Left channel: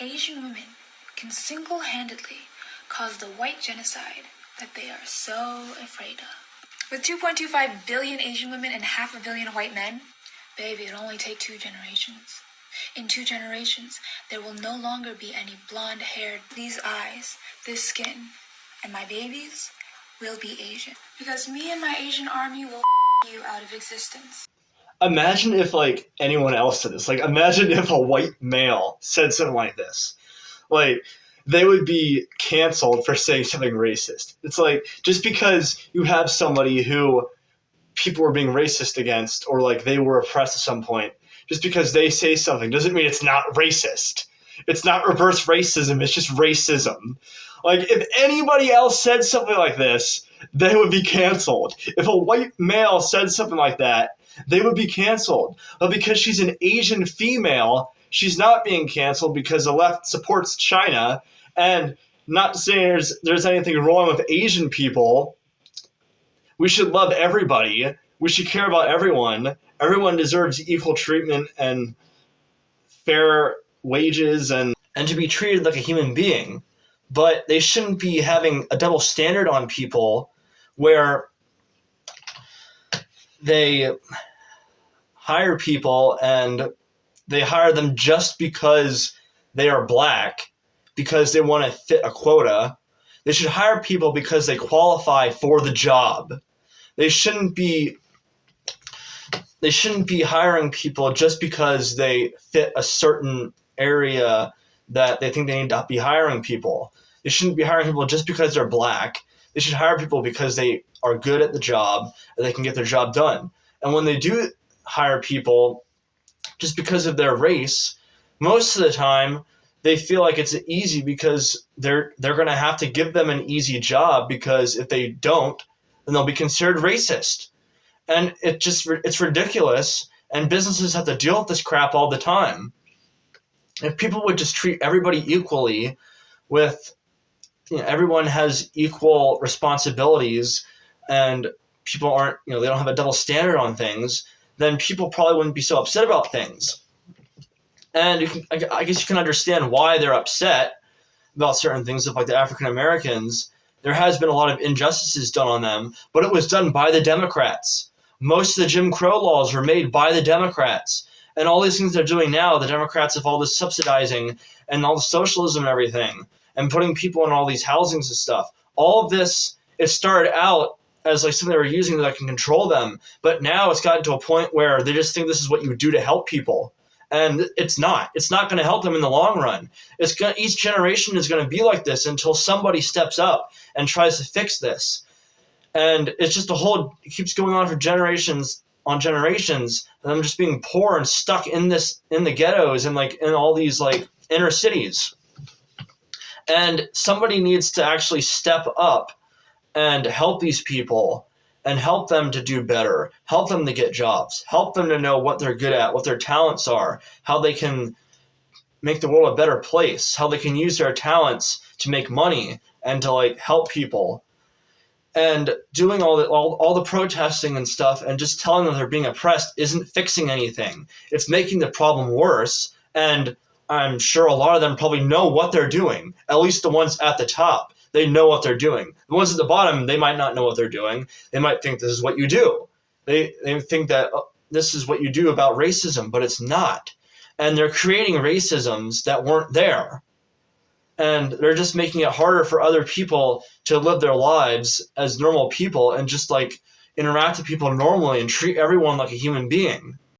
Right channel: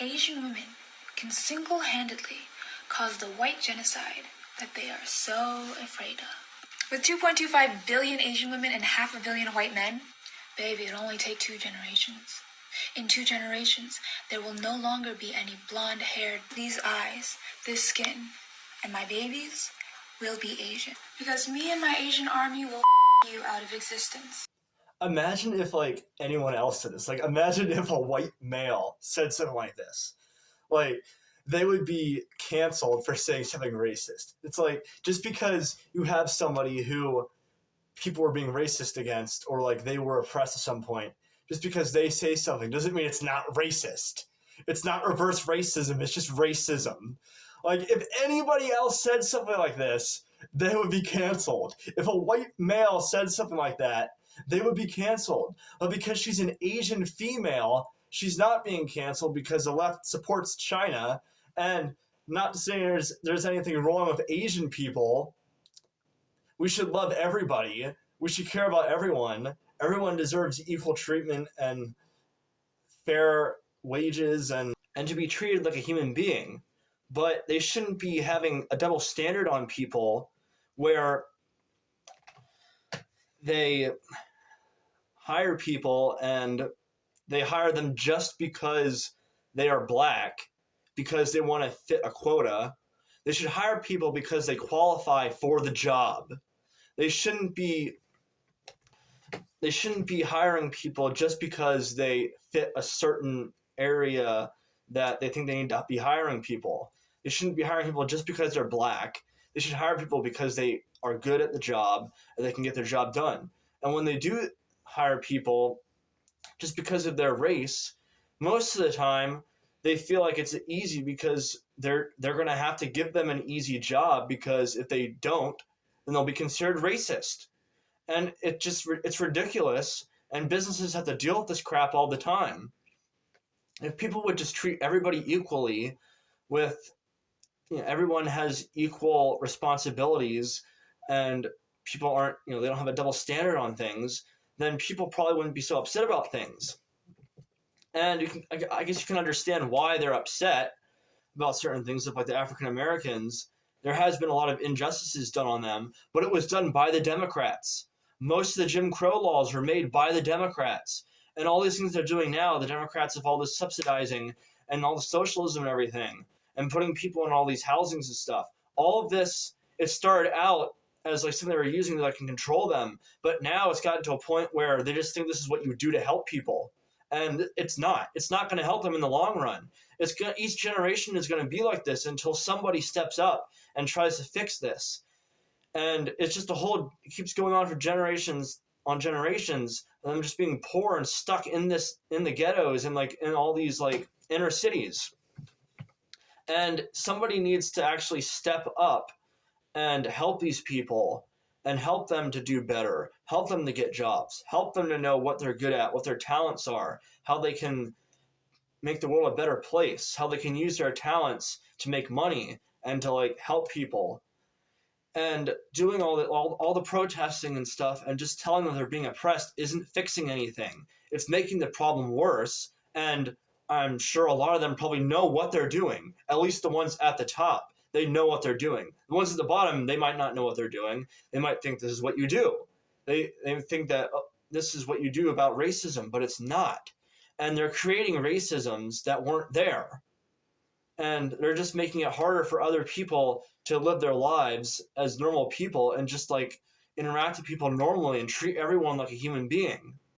Asian women can single-handedly cause the white genocide that they are so afraid of. With 2.25 billion Asian women and 500 million white men, baby, it'll only take 2 generations. In 2 generations, there will no longer be any blonde hair, these eyes, this skin, and my babies will be Asian. Because me and my Asian army will you out of existence. Imagine if, like, anyone else said this. Like, imagine if a white male said something like this. Like, they would be canceled for saying something racist. It's like, just because you have somebody who people were being racist against, or, like, they were oppressed at some point, just because they say something doesn't mean it's not racist. It's not reverse racism, it's just racism. Like, if anybody else said something like this, they would be canceled. If a white male said something like that, they would be canceled. But because she's an Asian female, she's not being canceled because the left supports China. And not to say there's anything wrong with Asian people. We should love everybody. We should care about everyone. Everyone deserves equal treatment and fair wages and to be treated like a human being. But they shouldn't be having a double standard on people where they hire people and they hire them just because they are black, because they want to fit a quota. They should hire people because they qualify for the job. They shouldn't be hiring people just because they fit a certain area that they think they need to be hiring people. They shouldn't be hiring people just because they're black. They should hire people because they are good at the job and they can get their job done. And when they do hire people just because of their race, most of the time they feel like it's easy because they're going to have to give them an easy job, because if they don't, then they'll be considered racist. And it's ridiculous, and businesses have to deal with this crap all the time. If people would just treat everybody equally, with everyone has equal responsibilities, and people aren't, they don't have a double standard on things, then people probably wouldn't be so upset about things. And I guess you can understand why they're upset about certain things, like the African Americans. There has been a lot of injustices done on them, but it was done by the Democrats. Most of the Jim Crow laws were made by the Democrats. And all these things they're doing now, the Democrats have all this subsidizing and all the socialism and everything, and putting people in all these housings and stuff. All of this, it started out as like something they were using that can control them, but now it's gotten to a point where they just think this is what you do to help people. And it's not. It's not going to help them in the long run. Each generation is going to be like this until somebody steps up and tries to fix this. And it's just it keeps going on for generations on generations, and them just being poor and stuck in the ghettos and like in all these like inner cities. And somebody needs to actually step up and help these people and help them to do better, help them to get jobs, help them to know what they're good at, what their talents are, how they can make the world a better place, how they can use their talents to make money and to like help people. And doing all the protesting and stuff and just telling them they're being oppressed isn't fixing anything. It's making the problem worse. And I'm sure a lot of them probably know what they're doing, at least the ones at the top. They know what they're doing. The ones at the bottom, they might not know what they're doing. They might think this is what you do. They think that this is what you do about racism, but it's not. And they're creating racisms that weren't there. And they're just making it harder for other people to live their lives as normal people and just like interact with people normally and treat everyone like a human being.